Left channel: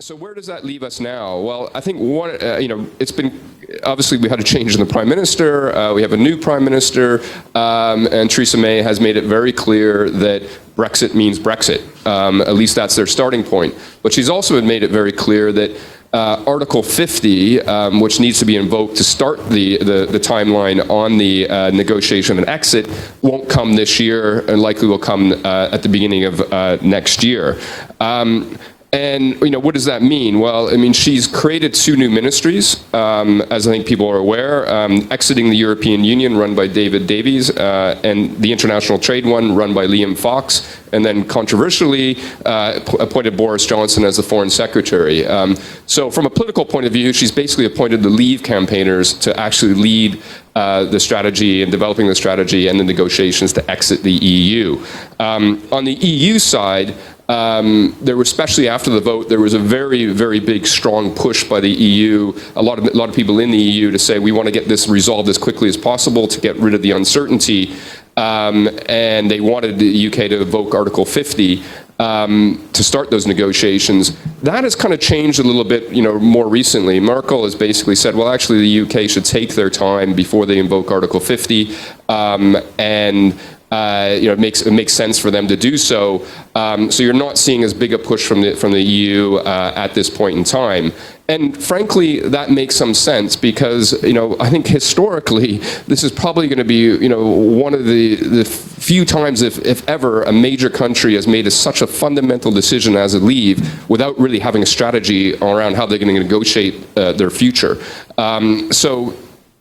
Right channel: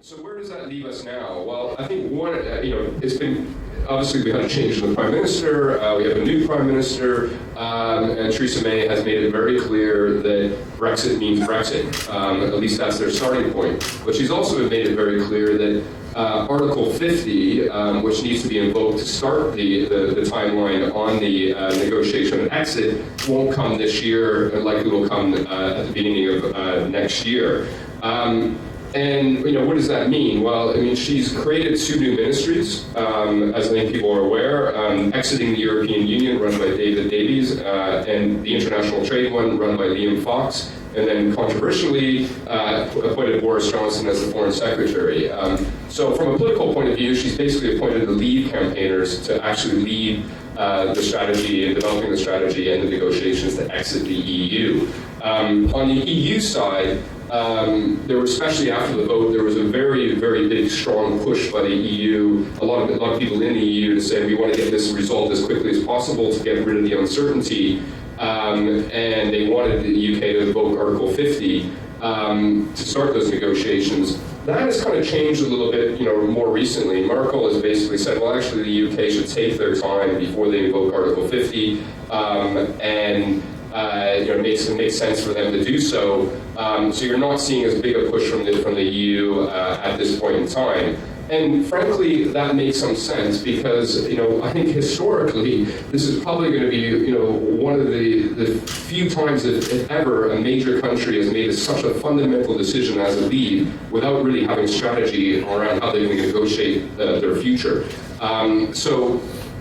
So where does that leave us now? Well, I think it's been, obviously we had a change in the Prime Minister, we have a new Prime Minister, and Theresa May has made it very clear that Brexit means Brexit. At least that's their starting point. But she's also made it very clear that Article 50, which needs to be invoked to start the timeline on the negotiation of an exit, won't come this year and likely will come at the beginning of next year. And what does that mean? Well, I mean, she's created 2 new ministries, as I think people are aware, exiting the European Union, run by David Davies, and the international trade one, run by Liam Fox, and then controversially appointed Boris Johnson as the Foreign Secretary. So from a political point of view, she's basically appointed the Leave campaigners to actually lead the strategy and developing the strategy and the negotiations to exit the EU. On the EU side, there was, especially after the vote, there was a very, very big, strong push by the EU, a lot of people in the EU to say we want to get this resolved as quickly as possible to get rid of the uncertainty, and they wanted the UK to invoke Article 50 to start those negotiations. That has kind of changed a little bit, more recently. Merkel has basically said, well, actually, the UK should take their time before they invoke Article 50, and it makes sense for them to do so. So you're not seeing as big a push from the EU at this point in time. And frankly, that makes some sense because, I think historically, this is probably going to be, one of the few times, if ever, a major country has made such a fundamental decision as a leave without really having a strategy around how they're going to negotiate their future. So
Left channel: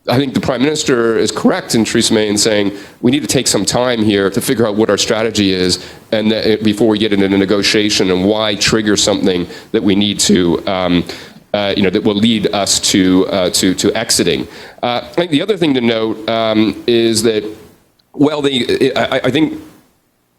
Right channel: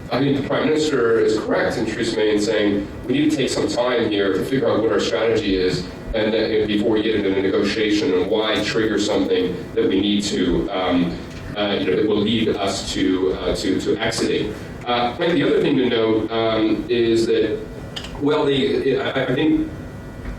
I think the Prime Minister is correct in Theresa May in saying we need to take some time here to figure out what our strategy is and before we get into the negotiation and why trigger something that we need to that will lead us to exiting. I think the other thing to note is that, well, I think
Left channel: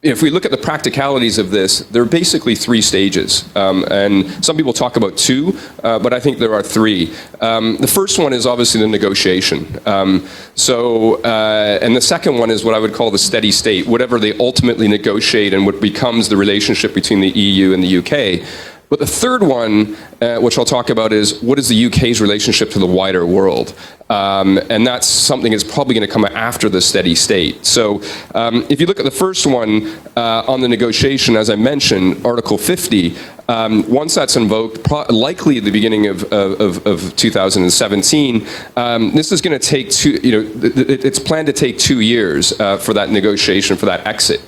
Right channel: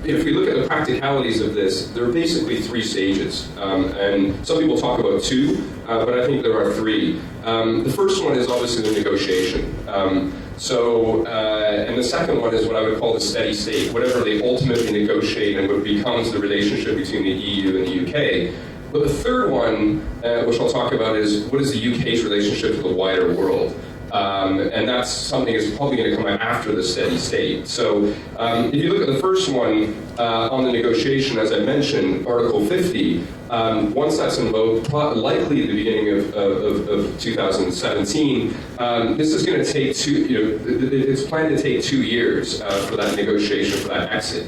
if we look at the practicalities of this, there are basically 3 stages. And some people talk about 2, but I think there are 3. The first one is obviously the negotiation. And the second one is what I would call the steady state, whatever they ultimately negotiate and what becomes the relationship between the EU and the UK. But the third one, which I'll talk about, is what is the UK's relationship to the wider world? And that's something that's probably going to come after the steady state. So if you look at the first one on the negotiation, as I mentioned, Article 50, once that's invoked, likely at the beginning of 2017, this is going to take it's planned to take 2 years for that negotiation, for that exit.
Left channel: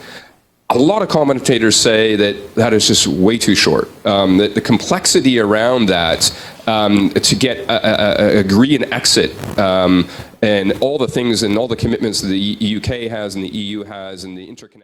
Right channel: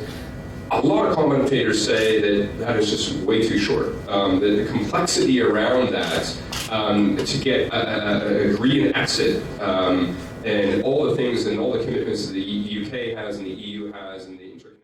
A lot of commentators say that is just way too short. That the complexity around that to get agree and exit and all the things and all the commitments that the UK has and the EU has and the interconnection.